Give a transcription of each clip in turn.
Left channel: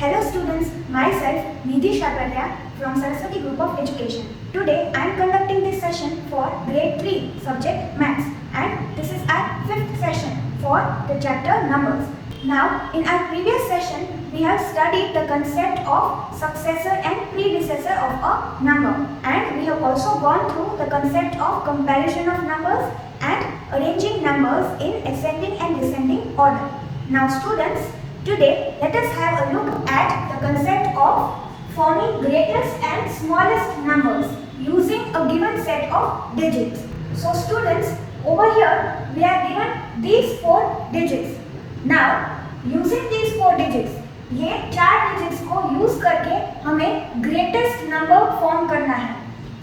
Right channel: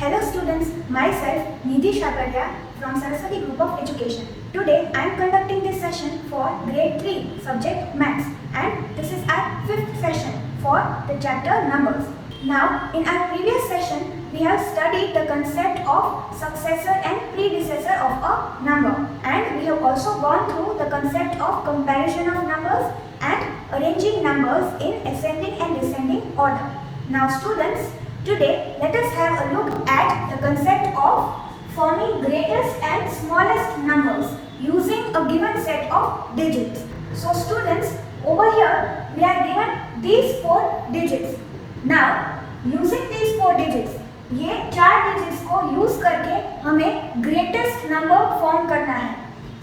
Hello students, myself Nidhi Shabralia from Saraswati Group of Education. Today I am conducting this session for grade 3 subject Maths, and this is our 5th session for the chapter Numbers. Now in our previous session we have studied the concept of successor and predecessor of a number, and we have also gone through the concept of comparison of numbers and arranging numbers in ascending and descending order. Now students, today let us have a look at the concept of forming greatest and smallest numbers using a given set of digits. So students, over here we are given these 4 digits. Now using these 4 digits, ये 4 digits को use करके हमें greatest number form करना है.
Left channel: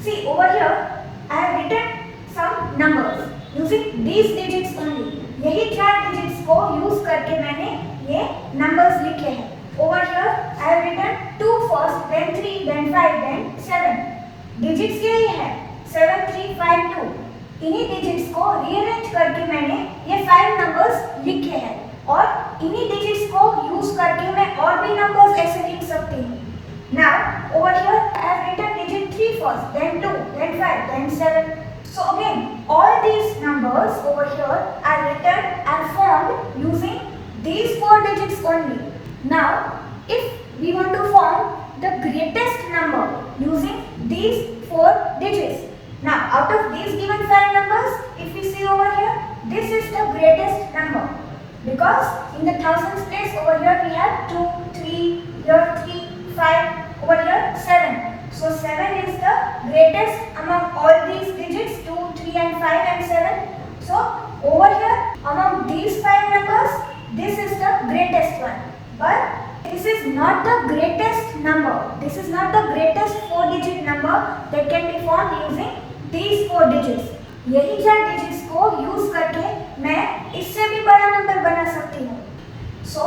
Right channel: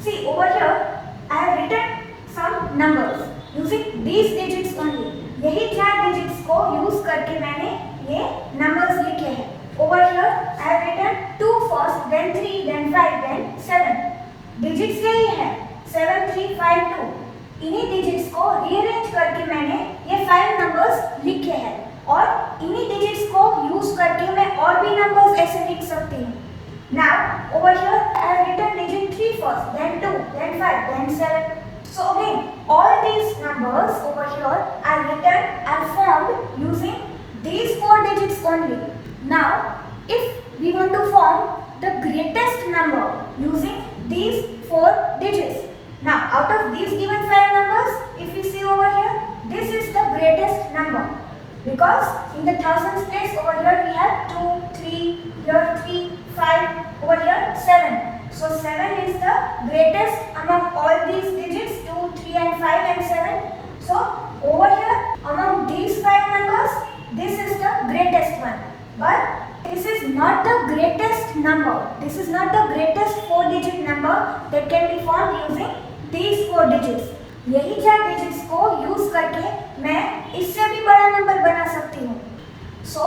See over here I have written some numbers using these digits only. यही 4 digits को use करके मैंने ये numbers लिखे हैं. Over here I have written 2 first, then 3, then 5, then 7. Digits यही है 7, 3, 5, 2. इन्हीं digits को rearrange करके मैंने ये 5 numbers लिखे हैं, और इन्हीं digits को use करके मैं और भी numbers ऐसे लिख सकती हूँ. Now over here I have written digit 3 first, then 2, then 5, then 7. So again all these numbers over here are written and formed using these 4 digits only. Now if we want to form the greatest number using these 4 digits, now out of these given 5 numbers, if we see over here, this is the greatest number, because in the thousands place over here we have 2, 3, here 3, 5, over here 7. So 7 is the greatest among all these digits, 2, 3 and 5 and 7. So over here among these 5 numbers, this is the greatest one. But this is not the greatest number. This is not the greatest 4-digit number that can be formed using these 4 digits. यही 4 digits को use करके मैं इससे भी बड़ा number बना सकती हूँ. So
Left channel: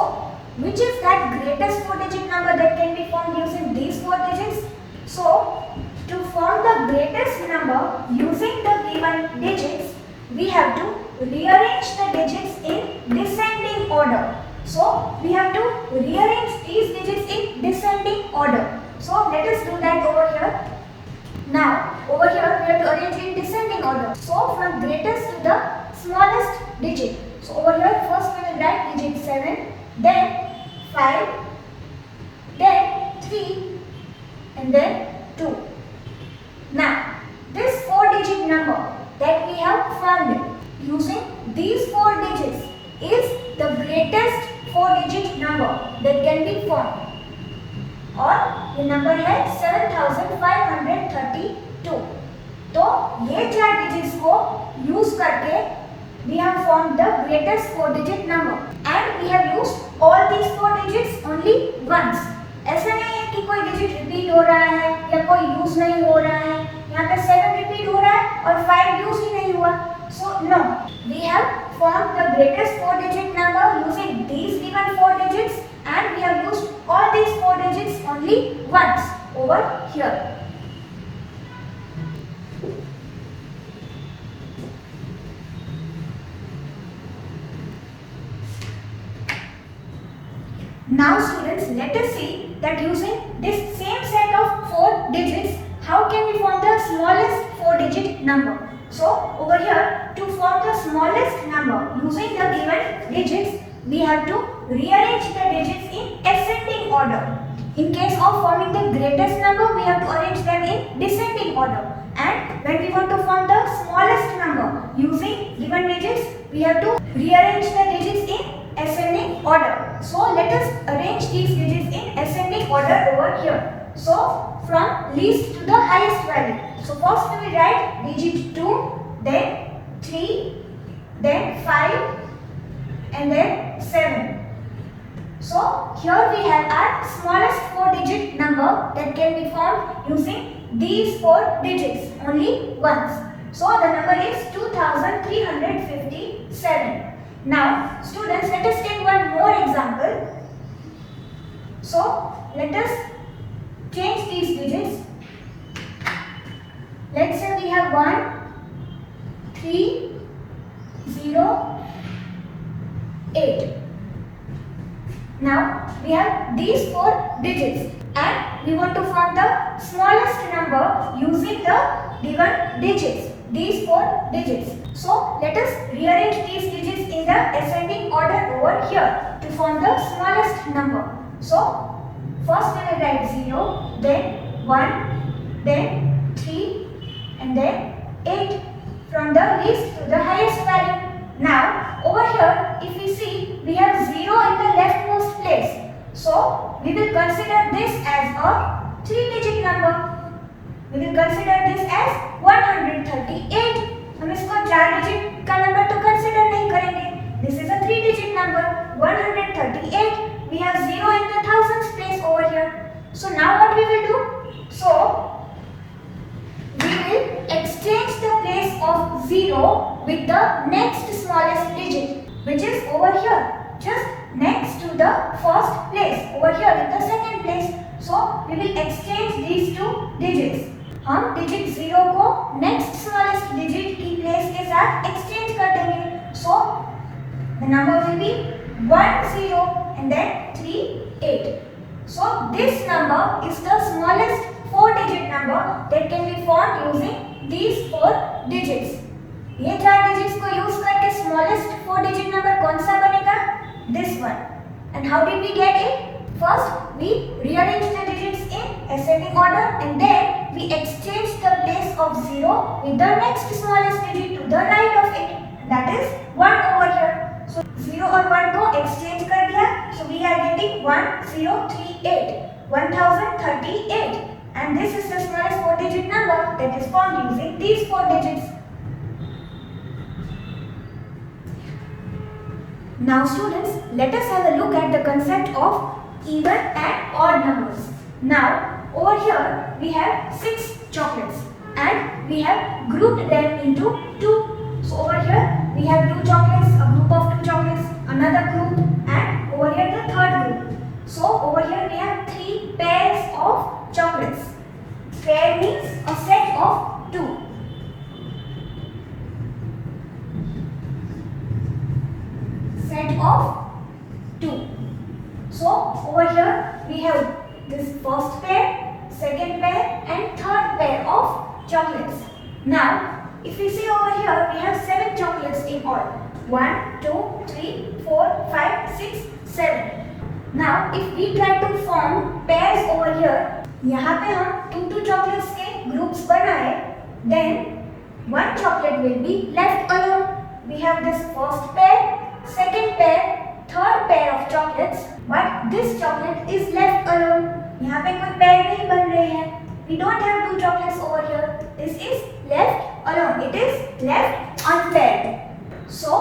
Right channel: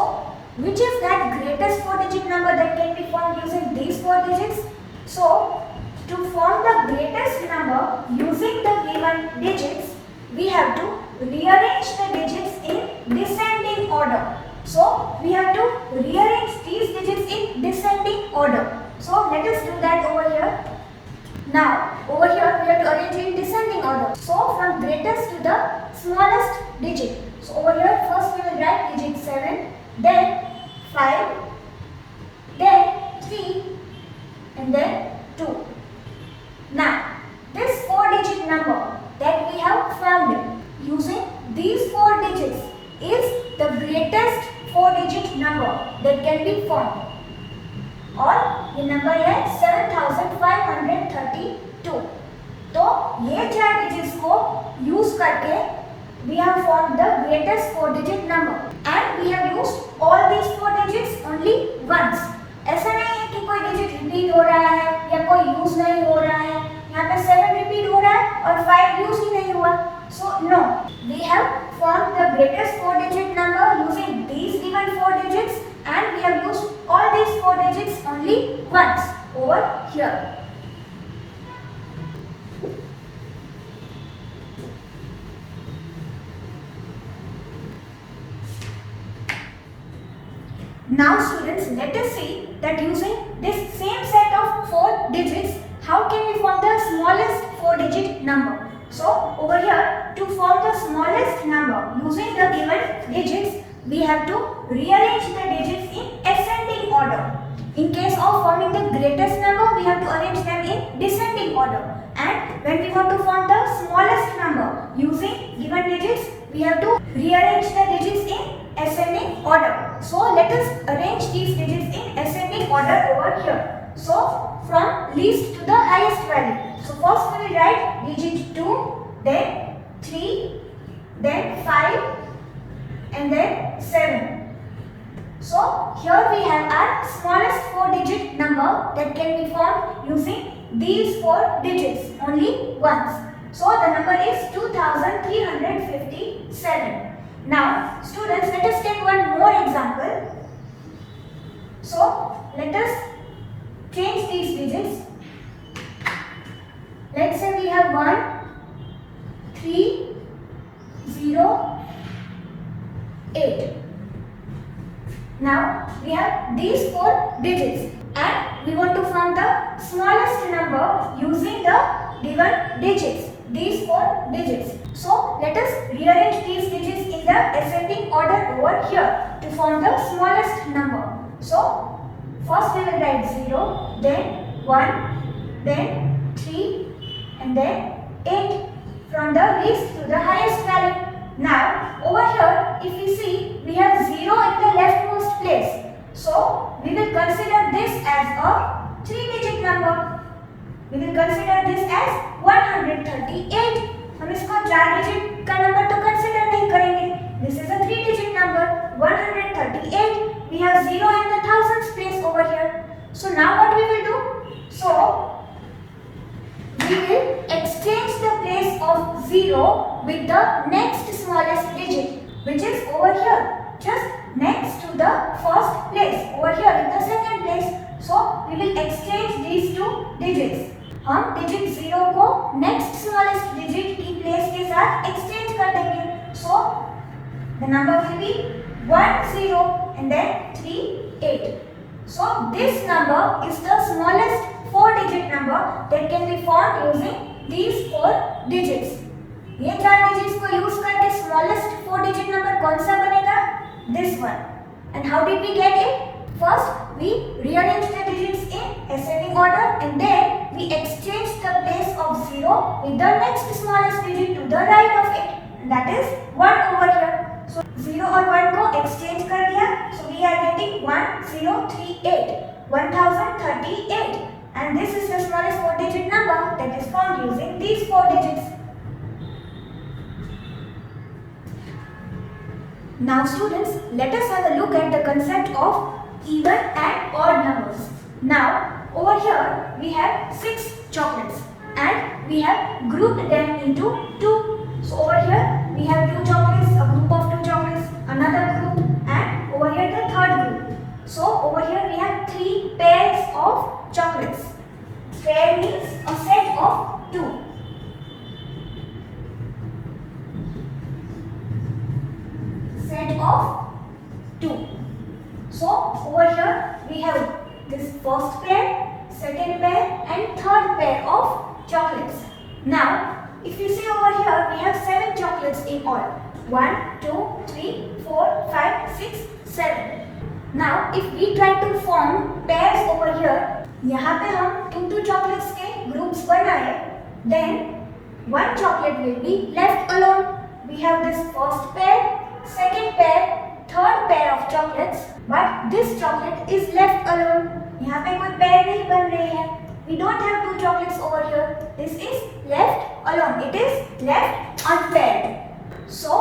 which is that greatest 4-digit number that can be formed using these 4 digits? So to form the greatest number using the given digits, we have to rearrange the digits in descending order. So we have to rearrange these digits in descending order. So let us do that over here. Now over here we have to arrange in descending order. So from greatest to the smallest digit. So over here first we will write digit 7, then 5, then 3, and then 2. Now this 4-digit number that we have formed using these 4 digits is the greatest 4-digit number that can be formed, और ये number है 7532. तो ये 4 digits को use करके we have formed the greatest 4-digit number, and we have used all these 4 digits only once. ऐसा नहीं है कि कोई digit repeat हो रहा है या कोई use नहीं हो रहा है. यहाँ पे 7 repeat हो रहा है और 5 use ही नहीं हुआ. So no, we have formed the greatest 4-digit number using these given 4 digits, and we have used all these 4 digits only once over here. Now students, let us see that using this same set of 4 digits, how can we form the smallest 4-digit number? So over here, to form the smallest number using the given digits, we have to rearrange the digits in ascending order. In case of forming the greatest number, we have to arrange them in descending order. And when we want to form the smallest number using given digits, we have to rearrange the digits in ascending order. So let us arrange these digits in ascending order over here. So from least to the highest value. So first we will write digit 2, then 3, then 5, and then 7. So here we have our smallest 4-digit number that can be formed using these 4 digits only once. So the number is 2357. Now students, let us take one more example. So let us change these digits. Let's say we have 1, 3, 0, 8. Now we have these 4 digits and we want to find the smallest number using the given digits, these 4 digits. So let us rearrange these digits in the ascending order over here to form the smallest number. So first we will write 0, then 1, then 3 and then 8 from the least to the highest value. Now over here if we see we have 0 in the leftmost place. So we will consider this as a 3-digit number. We will consider this as 138. हम इसको 4 digit का number तो consider नहीं करेंगे. This is a 3-digit number 138. We have 0 in the thousands place over here. So now what we will do? So we will exchange the place of 0 with the next smallest digit, which is over here, just next to the first place, over here in the second place. So we will exchange these 2 digits. हम digit 0 को next smallest digit की place के साथ exchange कर देंगे. So the number will be 1 0 and then 3 8. So this number is the smallest 4-digit number that can be formed using these 4 digits. ये 4 digits को use करके smallest 4-digit number कौन सा बनेगा? This one. And how did we get it? First we rearrange the digits in ascending order and then we exchange the place of 0 with the next smallest digit to the right of it. That is 1 over here. So 0 और 1 को exchange कर दिया. So we are getting 1038, 1038. And this is the smallest 4-digit number that is formed using these 4 digits. Now students, let us have a look at the concept of even and odd numbers. Now over here we have 6 chocolates and we have grouped them into 2. So over here we have 2 chocolates, a group of 2 chocolates, another group, and over here the third group. So over here we have 3 pairs of chocolates. Pair means a set of 2. Set of 2. So over here we have this first pair, second pair and third pair of chocolates. Now if we see over here we have 7 chocolates in all. 1, 2, 3, 4, 5, 6, 7. Now if we try to form pairs over here, यहाँ पे हम 2 chocolates के groups बनाए, then 1 chocolate will be left alone. We have this first pair, second pair, third pair of chocolates, but this chocolate is left alone. यहाँ पे कोई pair नहीं बन रही है. We don't have 2 chocolates over here. This is left alone. It is left unpaired. So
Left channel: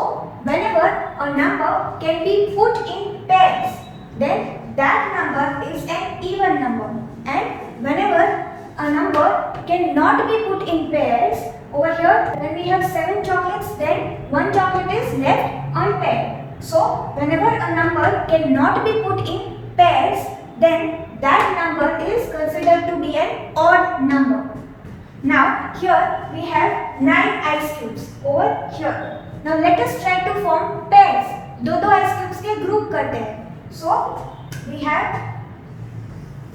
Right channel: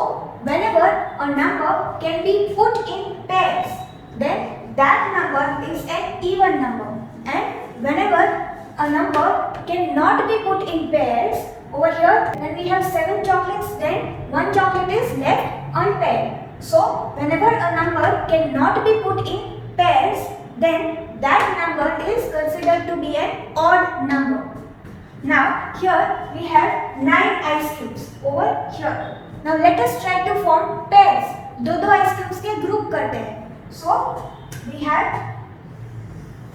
whenever a number can be put in pairs, then that number is an even number. And whenever a number cannot be put in pairs, over here when we have 7 chocolates, then 1 chocolate is left unpaired. So whenever a number cannot be put in pairs, then that number is considered to be an odd number. Now here we have 9 ice cubes over here. Now let us try to form pairs. 2 ice cubes के group करते हैं. So we have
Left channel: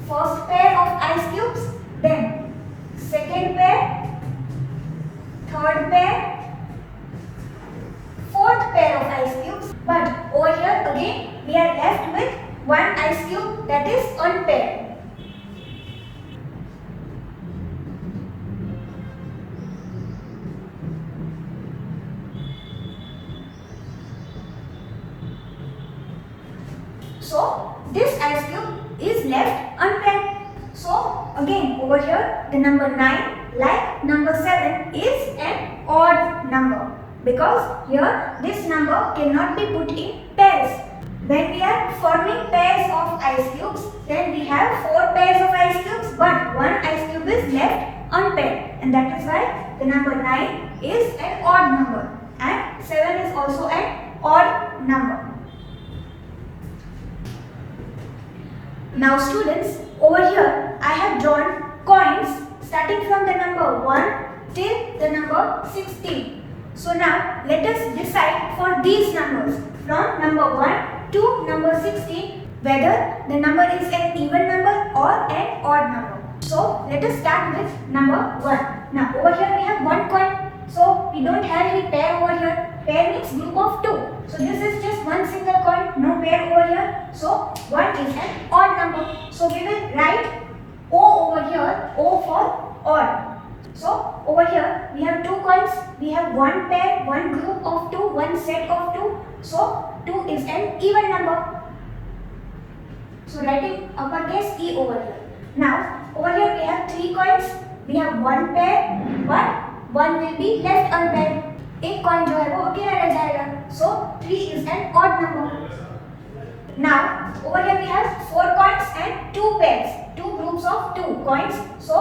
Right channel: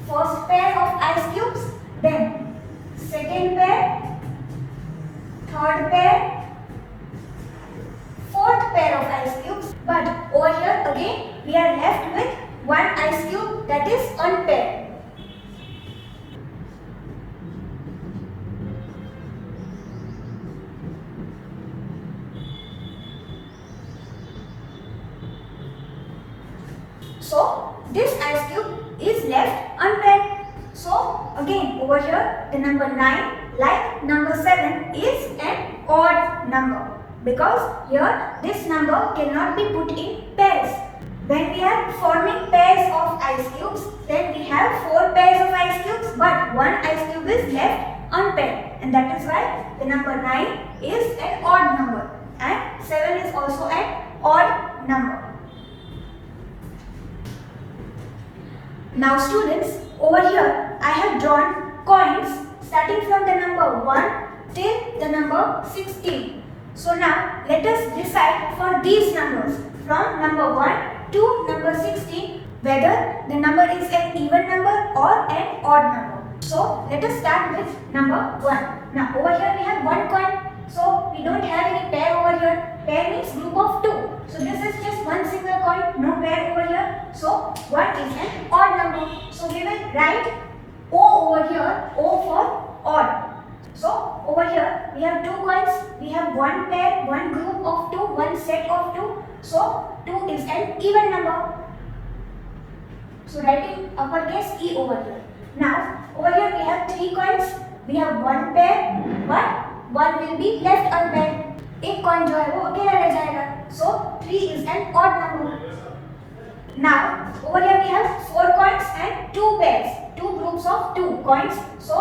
first pair of ice cubes, then second pair, third pair, fourth pair of ice cubes. But over here again we are left with 1 ice cube that is unpaired. So this ice cube is left unpaired. So again over here the number 9 like number 7 is an odd number because here this number cannot be put in pairs. When we are forming pairs of ice cubes, then we have 4 pairs of ice cubes but 1 ice cube is left unpaired, and that is why the number 9 is an odd number and 7 is also an odd number. Now students, over here I have drawn coins starting from the number 1 till the number 16. So now let us decide for these numbers from number 1 to number 16 whether the number is an even number or an odd number. So let us start with number 1. Now over here we have one coin. So we don't have any pair over here. Pair means group of 2. So this is just one single coin, no pair over here. So 1 is an odd number. So we will write O over here, O for odd. So over here we have 2 coins. We have one pair, one group of 2, one set of 2. So 2 is an even number. So writing uppercase E over here. Now over here we have 3 coins. We have one pair, but one will be left unpaired. एक coin जो है वो अकेला रह जाएगा. So 3 is an odd number. Now over here we have 4 coins and 2 pairs, 2 groups of 2 coins. So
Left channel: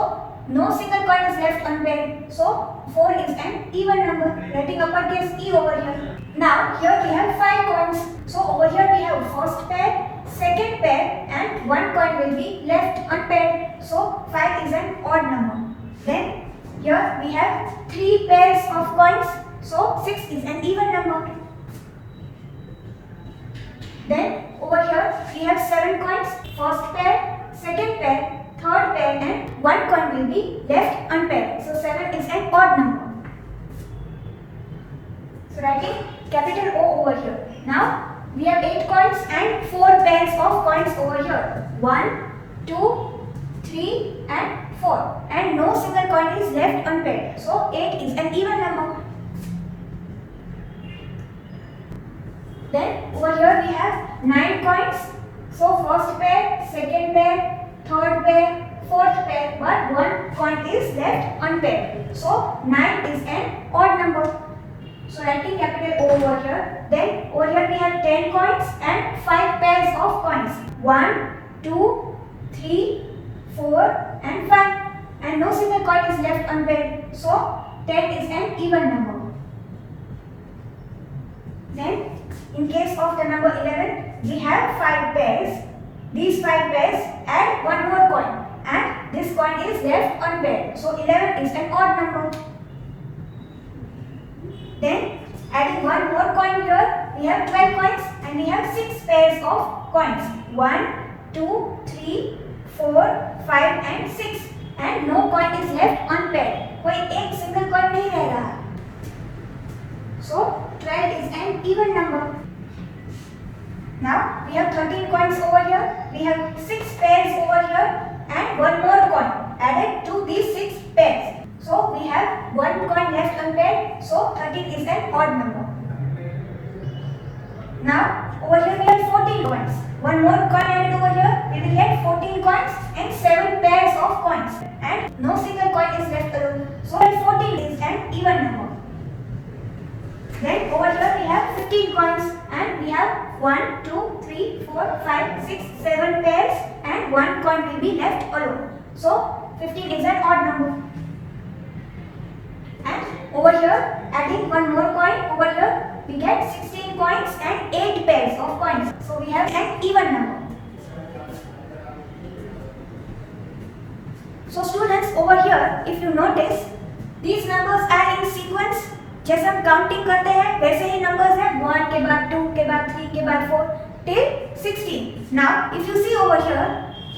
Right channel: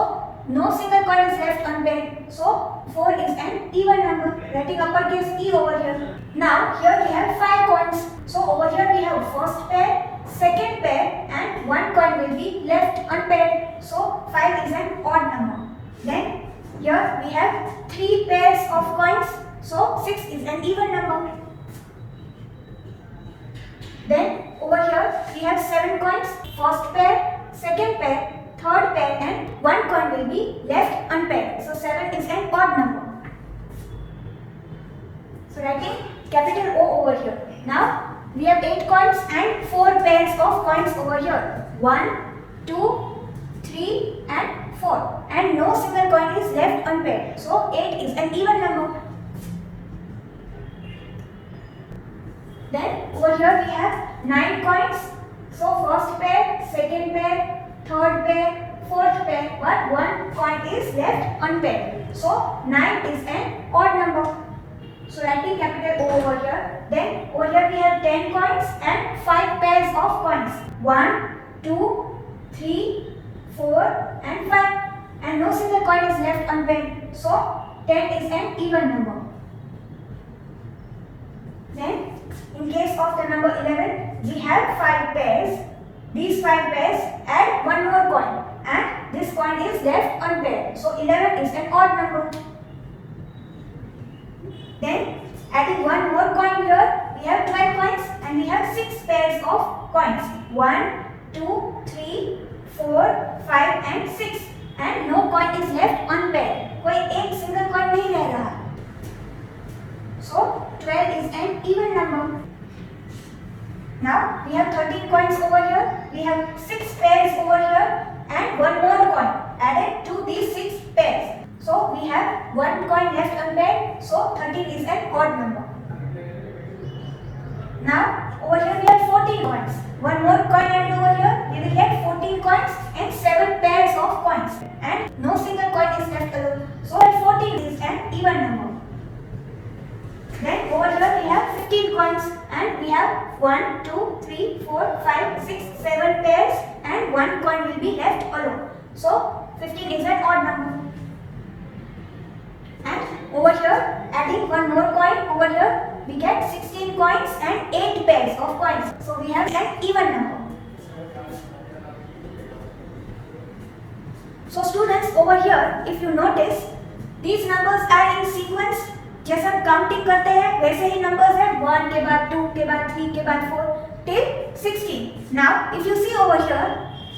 no single coin is left unpaired. So 4 is an even number. Writing uppercase E over here. Now here we have 5 coins. So over here we have first pair, second pair, and one coin will be left unpaired. So 5 is an odd number. Then here we have 3 pairs of coins. So 6 is an even number. Then over here we have 7 coins. First pair, second pair, third pair, and one coin will be left unpaired. So 7 is an odd number. So writing capital O over here. Now we have 8 coins and 4 pairs of coins over here. 1, 2, 3 and 4. And no single coin is left unpaired. So 8 is an even number. Then over here we have 9 coins. So first pair, second pair, third pair, fourth pair, but one coin is left unpaired. So 9 is an odd number. So writing capital O over here. Then over here we have 10 coins and 5 pairs of coins. 1, 2, 3, 4 and 5. And no single coin is left unpaired. So 10 is an even number. Then in case of the number 11, we have 5 pairs. These 5 pairs add one more coin, and this coin is left unpaired. So 11 is an odd number. Then adding one more coin here, we have 12 coins and we have 6 pairs of coins. 1, 2, 3, 4, 5 and 6. And no coin is left unpaired. कोई एक single coin नहीं रह रहा. So 12 is an even number. Now we have 13 coins over here. We have 6 pairs over here and one more coin added to these 6 pairs. So we have one coin left unpaired. So 13 is an odd number. Now over here we have 14 coins. One more coin added over here. We will get 14 coins and 7 pairs of coins. And no single coin is left alone. So 14 is an even number. Then over here we have 15 coins and we have 1, 2, 3, 4, 5, 6, 7 pairs and one coin will be left alone. So 15 is an odd number. And over here adding one more coin over here we get 16 coins and 8 pairs of coins. So we have an even number. So students over here if you notice these numbers are in sequence. जैसे हम counting करते हैं वैसे ही numbers हैं 1 के बाद 2 के बाद 3 के बाद 4 till 16. Now if you see over here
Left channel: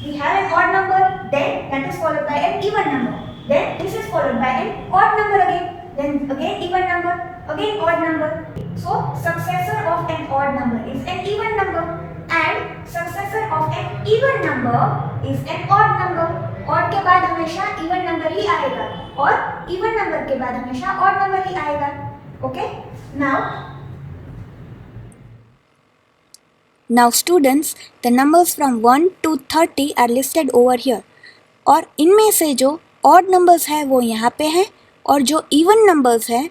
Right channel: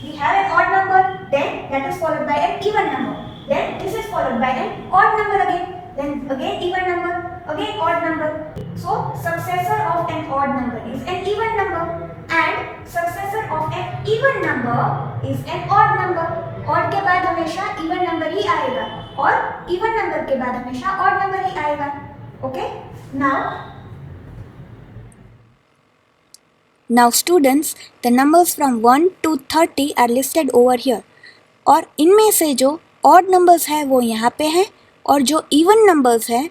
we have an odd number, then that is followed by an even number, then this is followed by an odd number again, then again even number, again odd number. So successor of an odd number is an even number and successor of an even number is an odd number. odd के बाद हमेशा even number ही आएगा और even number के बाद हमेशा odd number ही आएगा. Okay? Now students, the numbers from 1 to 30 are listed over here. और इनमें से जो odd numbers है वो यहाँ पे हैं और जो even numbers है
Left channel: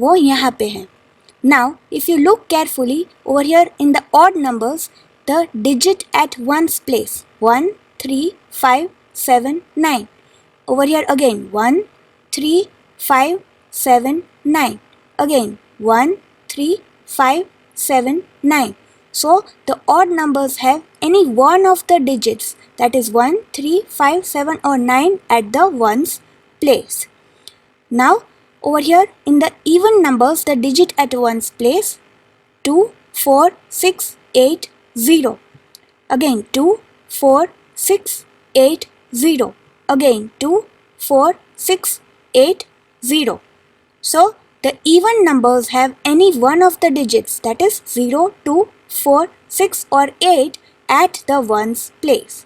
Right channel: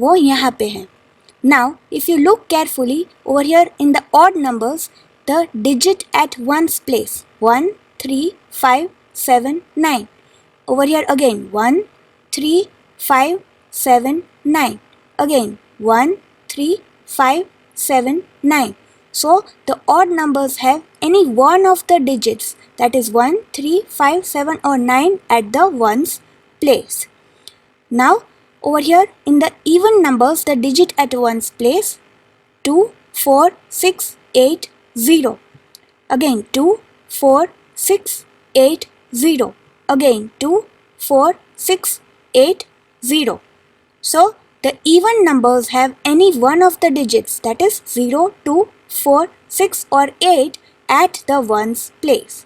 वो यहाँ पे हैं. Now, if you look carefully over here in the odd numbers, the digit at ones place 1, 3, 5, 7, 9. Over here again 1, 3, 5, 7, 9. Again 1, 3, 5, 7, 9. So the odd numbers have any one of the digits, that is 1, 3, 5, 7 or 9 at the ones place. Now over here in the even numbers, the digit at ones place 2, 4, 6, 8, 0. Again 2, 4, 6, 8, 0. Again 2, 4, 6, 8, 0. So the even numbers have any one of the digits, that is 0, 2, 4, 6 or 8 at the ones place.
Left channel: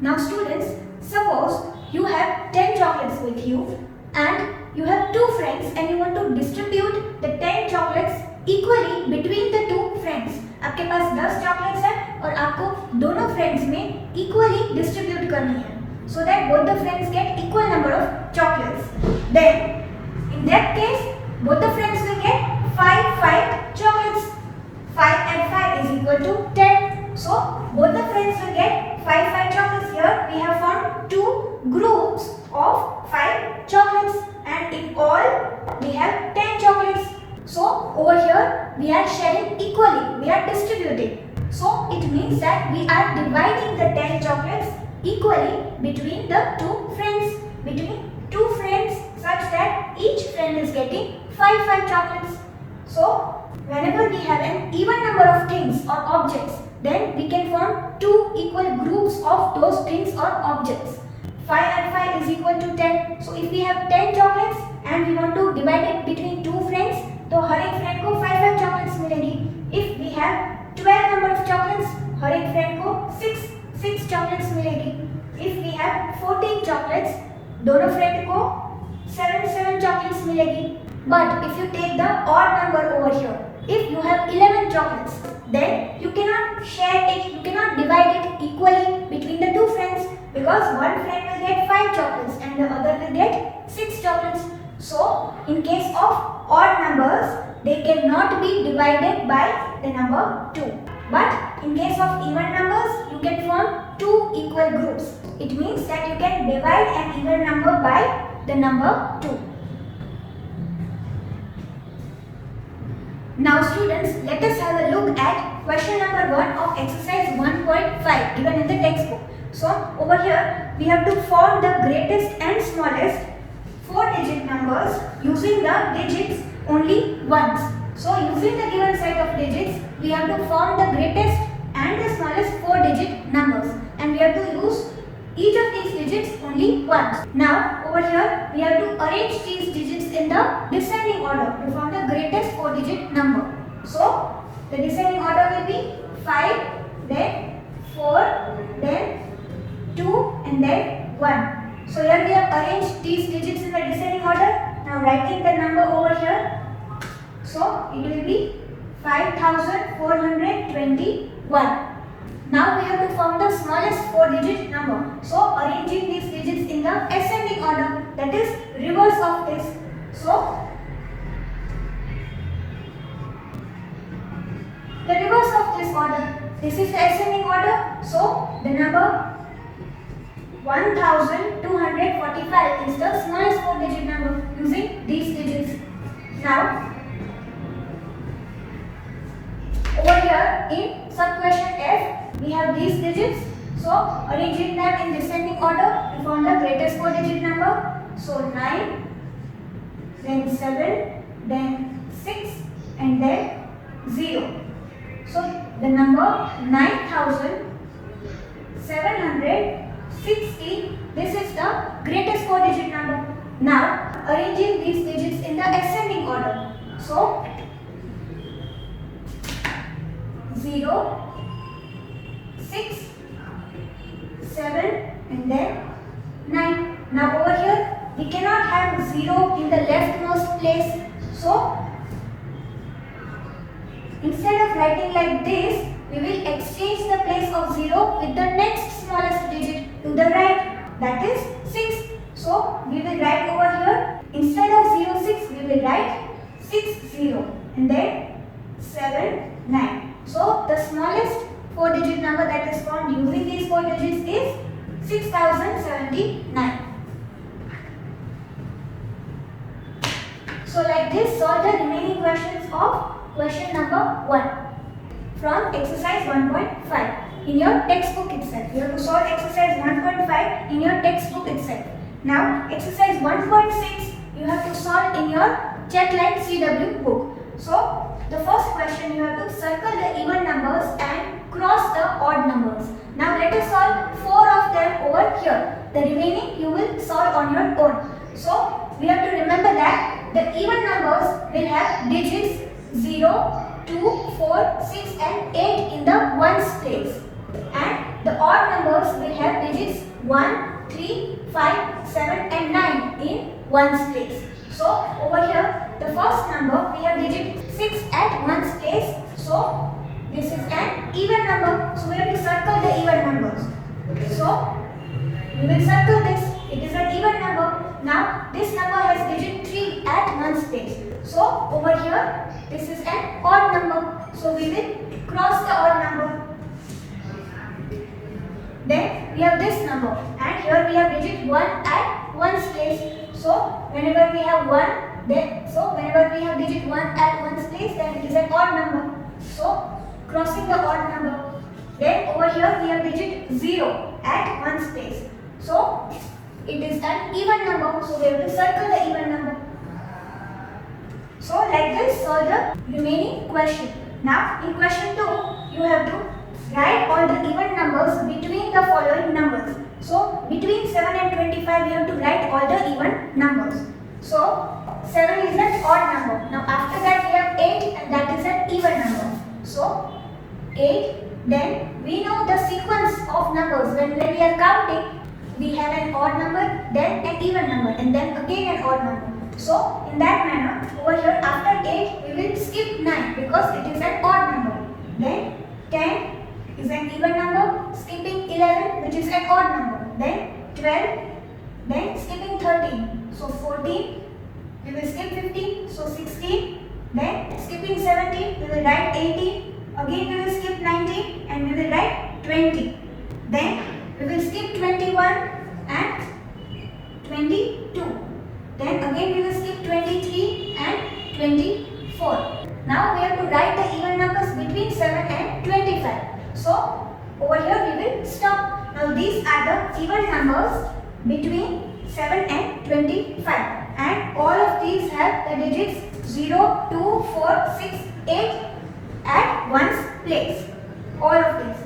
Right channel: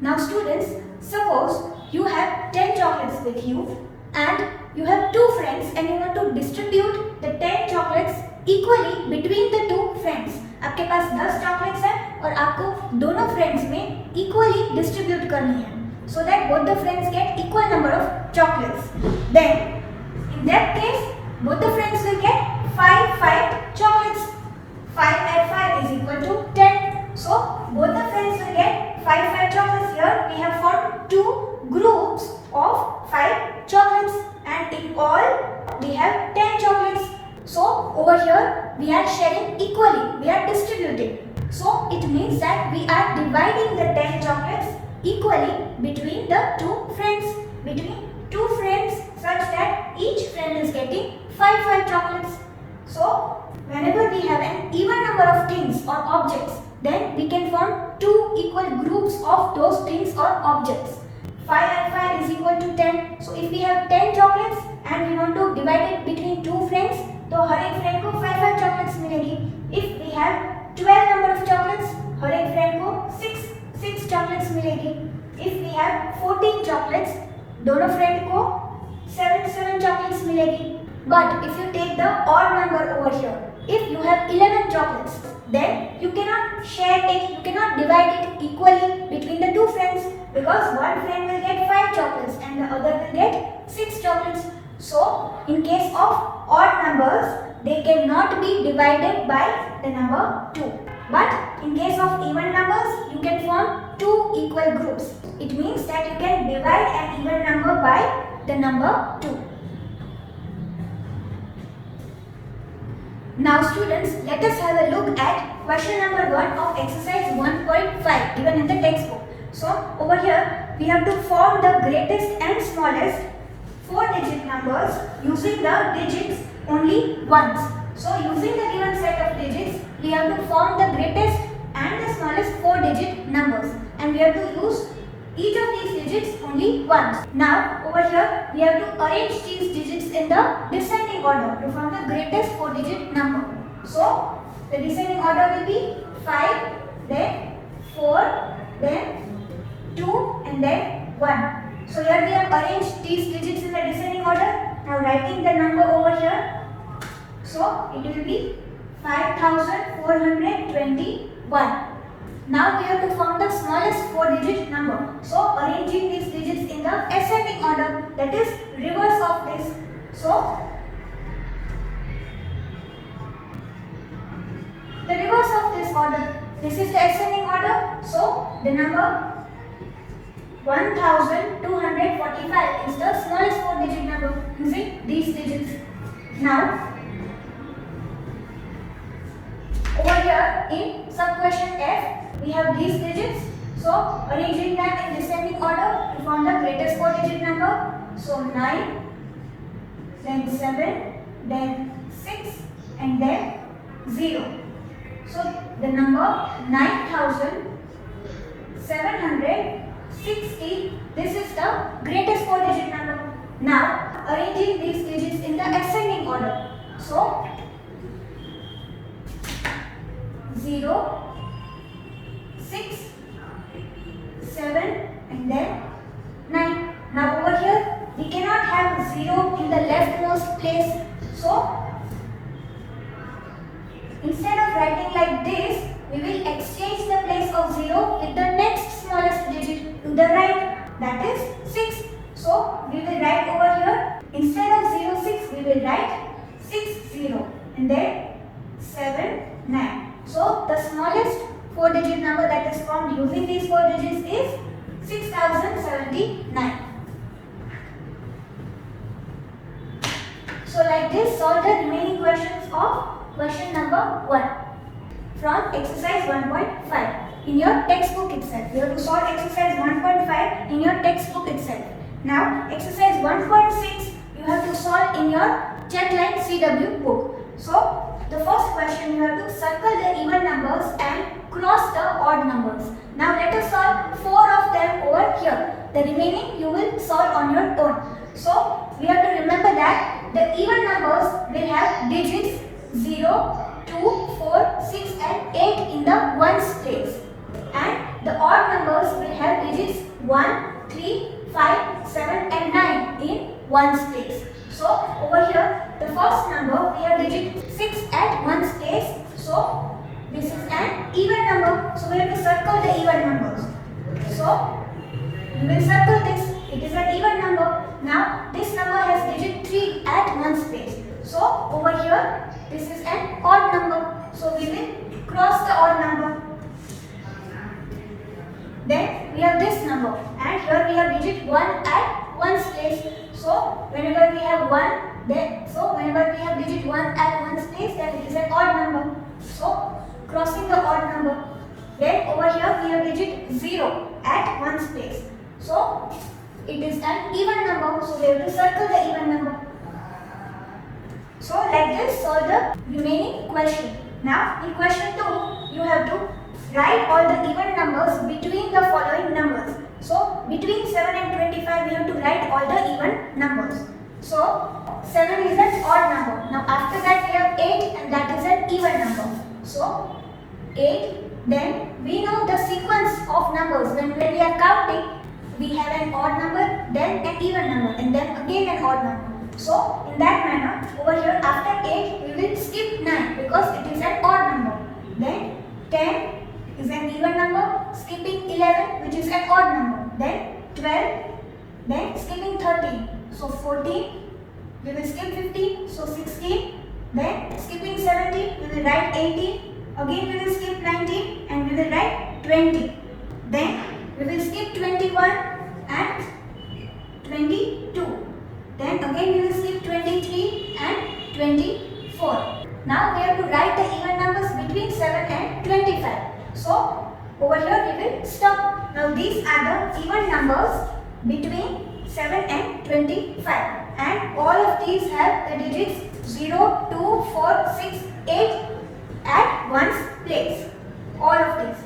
Now students, suppose you have 10 chocolates with you and you have 2 friends and you want to distribute the 10 chocolates equally between the 2 friends. आपके पास 10 chocolates हैं और आपको दोनों friends में equally distribute करनी है, so that both the friends get equal number of chocolates. Then in that case both the friends will get 5 chocolates. 5 and 5 is equal to 10. So both the friends will get 5 chocolates. Here we have formed 2 groups of 5 chocolates and in all we have 10 chocolates. So over here we are sharing equally, we are distributing. So it means that we are dividing the 10 chocolates equally between the 2 friends. Between 2 friends such that each friend is getting 5 chocolates. So whenever we have an even number of things or objects, then we can form 2 equal groups of those things or objects. 5 and 5 is equal to 10. So if we have 10 chocolates and we want to divide it between 2 friends, तो हर एक friend को 5 chocolates मिलेगी. If we have 12 number of chocolates, हर एक friend को 6 chocolates मिलेगी. If we have 14 chocolates, दोनों friend को 7 chocolates मिलेगी. But if you take the odd number over here, if you have 11 chocolates, then you cannot share it, you cannot divide it equally between the 2 friends, because one friend will get 5 chocolates and the other will get 6 chocolates. So in case of odd numbers, they cannot be divided by the number 2. But in case of even numbers, you can form 2 equal groups. It means that you can divide an even number by the number 2. Now students, let us have a look at question number 1 of exercise 1.5 given in the textbook. So over here we have to form the greatest and smallest 4-digit numbers using the digits only once. So using the given set of digits, we have to form the greatest and the smallest 4-digit numbers, and we have to use each of these digits only once. Now over here we have to arrange these digits in the descending order to form the greatest 4-digit number. So the descending order will be 5, then 4, then 2 and then 1. So here we have arranged these digits in the descending order. Now writing the number over here. So it will be 5421. Now we have to form the smallest 4-digit number. So arranging these digits in the ascending order, that is reverse of this. So the reverse of this order, this is the ascending order. So the number 1245 is the smallest 4-digit number using these digits. Now over here in sub question F, we have these digits. So arranging them in descending order to form the greatest 4-digit number. So 9, then 7, then 6 and then 0. So the number 9760, this is the greatest 4-digit number. Now arranging these digits in the ascending order. So 0, 6, 7 and then 9. Now over here we cannot have 0 in the leftmost place. So instead of writing like this, we will exchange the place of 0 with the next smallest digit to the right, that is 6. So we will write over here, instead of 06 we will write 60 and then 79. So the smallest 4-digit number that is formed using these 4 digits is 6079. So like this, solve the remaining questions of question number 1 from exercise 1.5 in your textbook itself. You have to solve exercise 1.5 in your textbook itself. Now exercise 1.6 you have to solve in your Chatline CW book. So the first question you have to circle the even numbers and cross the odd numbers. Now let us solve 4 of them over here. The remaining you will solve on your own. So we have to remember that the even numbers will have digits 0, 2, 4, 6 and 8 in the ones place. And the odd numbers will have digits 1, 3, 5, 7 and 9 in ones place. So over here the first number we have digit 6 at ones place. So this is an even number. So we have to circle the even numbers. So we will circle this. It is an even number. Now this number has digit 3 at ones place. So over here this is an odd number. So we will cross the odd number. Then we have this number and here we have digit 1 at ones place. So whenever we have 1, whenever we have digit 1 at ones place, then it is an odd number. So crossing the odd number. Then over here we have digit 0 at ones place. So it is an even number. So we have to circle the even number. So like this solve the remaining question. Now in question 2 you have to write all the even numbers between the following numbers. So between 7 and 25 we have to write all the even numbers. So 7 is an odd number. Now after that we have 8 and that is an even number. So 8, then we know the sequence of numbers. When we are counting, we have an odd number, then an even number and then again an odd number. So in that manner, over here after 8 we will skip 9 because it is an odd number. Then 10 is an even number, skipping 11 which is an odd number. Then 12, then skipping 13. So 14, we will skip 15, so 16. Then skipping 17, we will write 18. Again we will skip 19 and we will write 20. Then we will skip 21 and 22. Then again we will skip 23 and 24. Now we have to write the even numbers between 7 and 25. So over here we will stop. Now these are the even numbers between 7 and 25. And all of these have the digits 0, 2, 4, 6, 8 at ones place. All of these.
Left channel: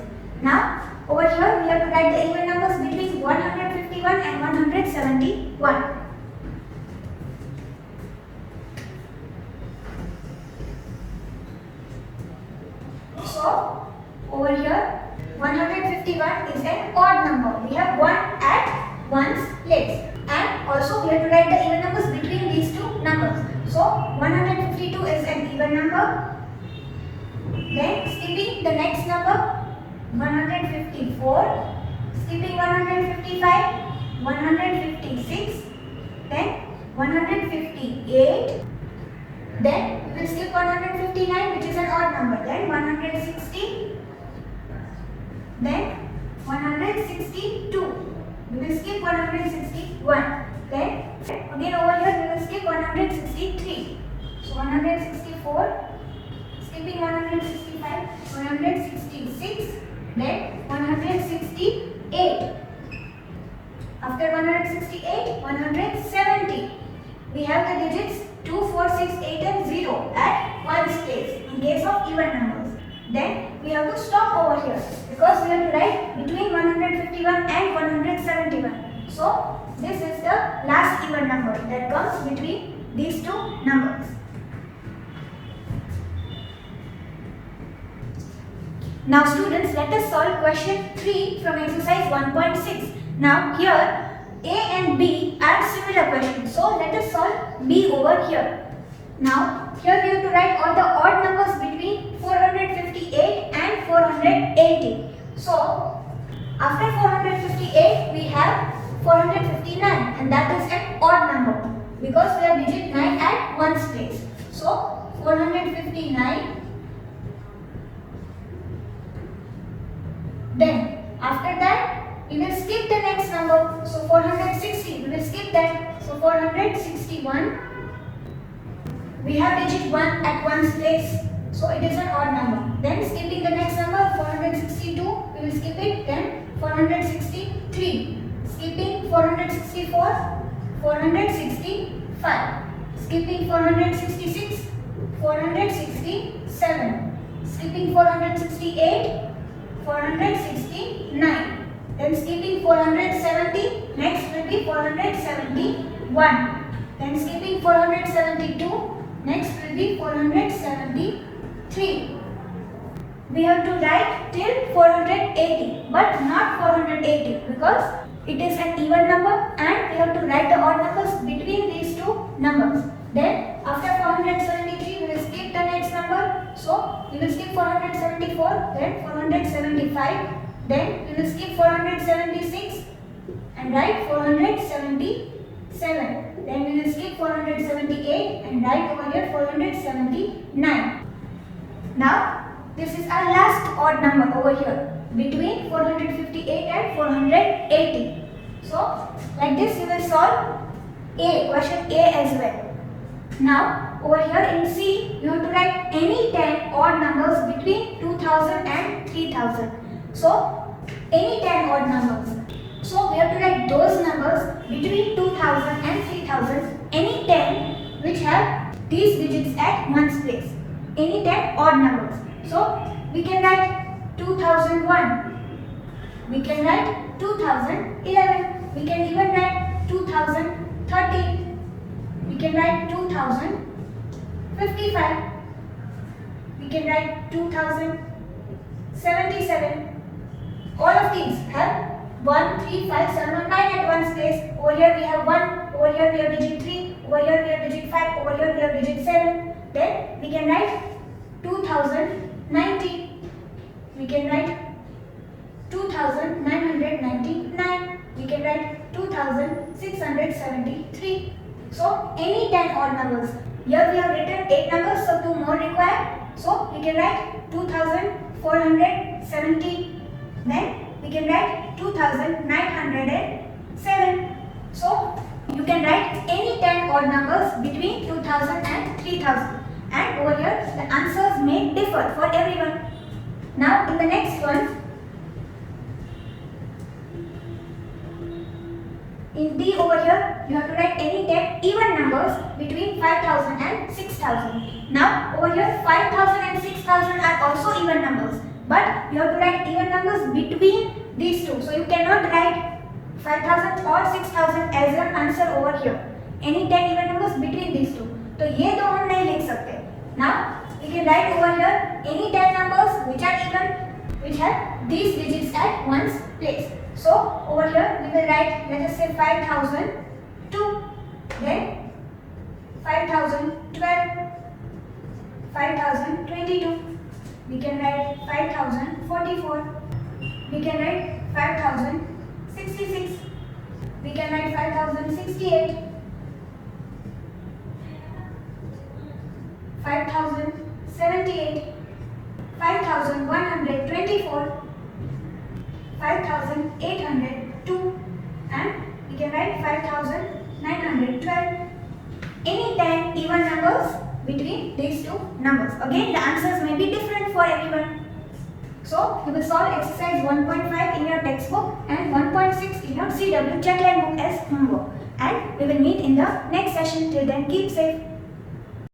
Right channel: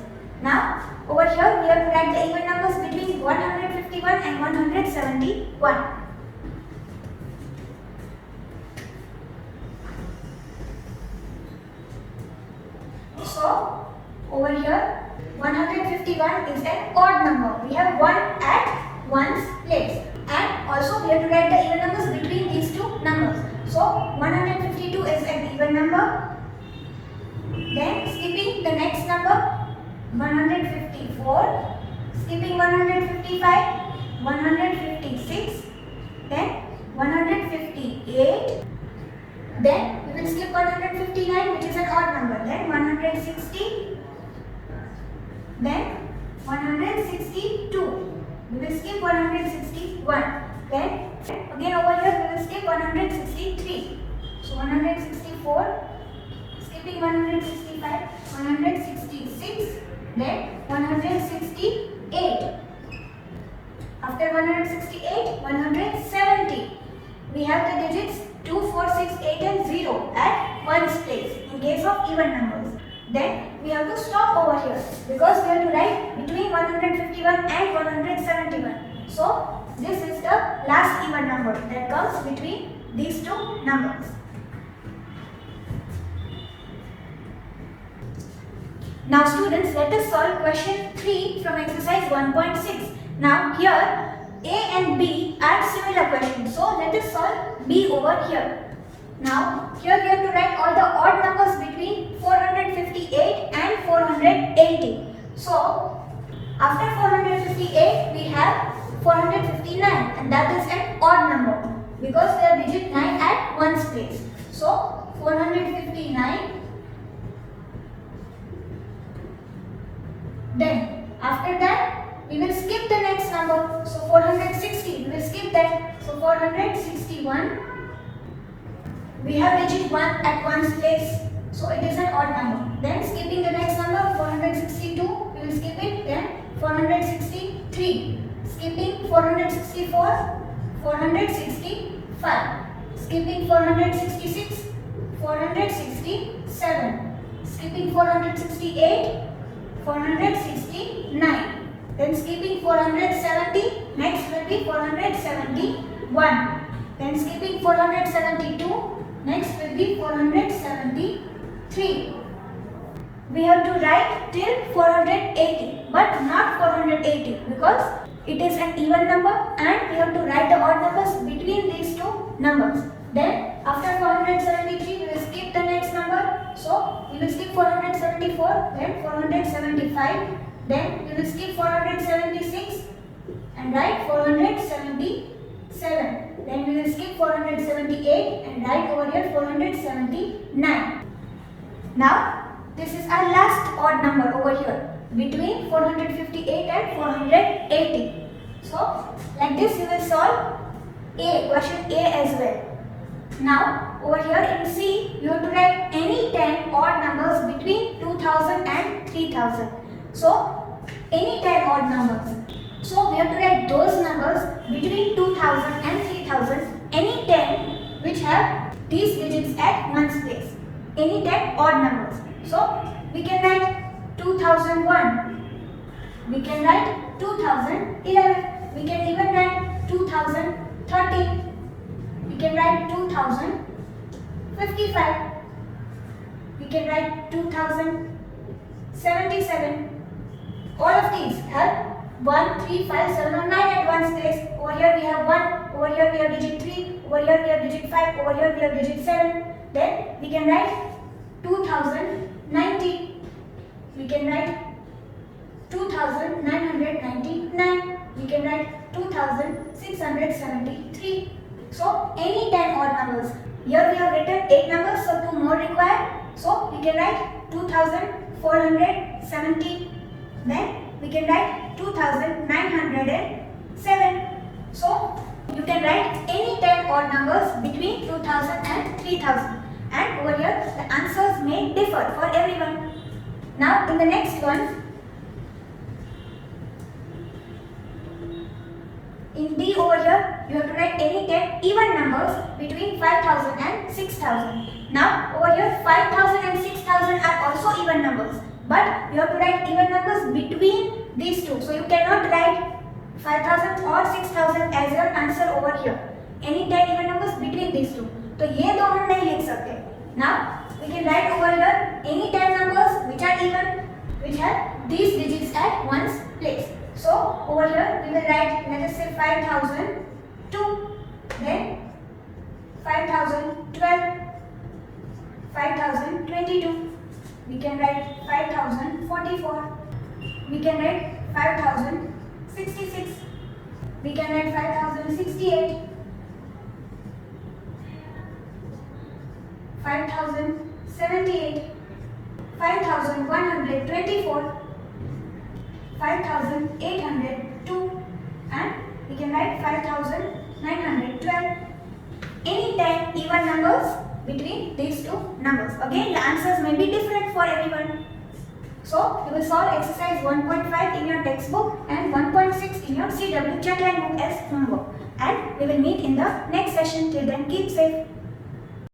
Now over here we have to write the even numbers between 151 and 171. So over here 151 is an odd number. We have 1 at ones place. And also we have to write the even numbers between these two numbers. So 152 is an even number. Then skipping the next number 154, skipping 155, 156, then 158, then we will skip 159 which is an odd number, then 160, then 162, we will skip 161, then again over here we will skip 163, so 164, skipping 165, 166, then 168. After 168, 170. We have the digits 2, 4, 6, 8 and 0 at ones place in case of even numbers. Then we have to stop over here because we have to write between 151 and 171. So this is the last even number that comes between these two numbers. Now students, let us solve question 3 from exercise 1.6. Now here A and B are similar questions. So let us solve B over here. Now here we have to write all the odd numbers between 458 and 480. So after 458 we have 459 and that is an odd number because we have digit 9 at ones place. So 459. Then after that we will skip the next number. So 460 we will skip that. So 461. We have digit 1 at ones place. So it is an odd number. Then skipping the next number 462 we will skip it. Then 463. Skipping 464. 465. Skipping 466. 467. Skipping 468, 469. Then skipping 470, next will be 471. Then skipping 472, next will be 473. We have to write till 480, but not 480 because it is an even number and we have to write the odd numbers between these two numbers. Then after 473 we will skip the next number. So we will skip 474, then 475, then we will skip 476 and write 477. Then we will skip 478 and write over here 479. Now this is our last odd number over here between 458 and 480. So like this we will solve question A as well. Now over here in C you have to write any 10 odd numbers between 2000 and 3000. So any 10 odd numbers. So we have to write those numbers between 2000 and 3000. Any 10 which have these digits at one's place. Any 10 odd numbers. So we can write 2001. We can write 2011. We can even write 2013. We can write 2055. We can write 2077. All of these have 1, 3, 5, 7 or 9 at one's place. Over here we have 1, over here we have digit 3, over here we have digit 5, over here we have digit 7. Then we can write 2090. We can write 2999. We can write 2673. So any 10 odd numbers. Here we have written 8 numbers, so 2 more required. So we can write 2470. Then we can write 2907. So you can write any 10 odd numbers between 2000 and 3000. And over here the answers may differ for everyone. Now in the next one, in D over here you have to write any 10 even numbers between 5000 and 6000. Now over here 5000 and 6000 are also even numbers, but you have to write even numbers between these two. So you cannot write 5000 or 6000 as your answer over here. Any 10 even numbers between these two. तो ये दो हम नहीं लिख सकते. Now we can write over here any 10 numbers which are even, which have these digits at one's place. So over here we will write, let us say 5002, then 5012, 5022. We can write 5044. We can write 5066. We can write 5068. 5078, 5124, 5802, and we can write 5912. Any 10 even numbers between these two numbers. Again, the answers may be different for everyone. So you will solve exercise 1.5 in your textbook and 1.6 in your CW Checkline book as homework. And we will meet in the next session. Till then, keep safe.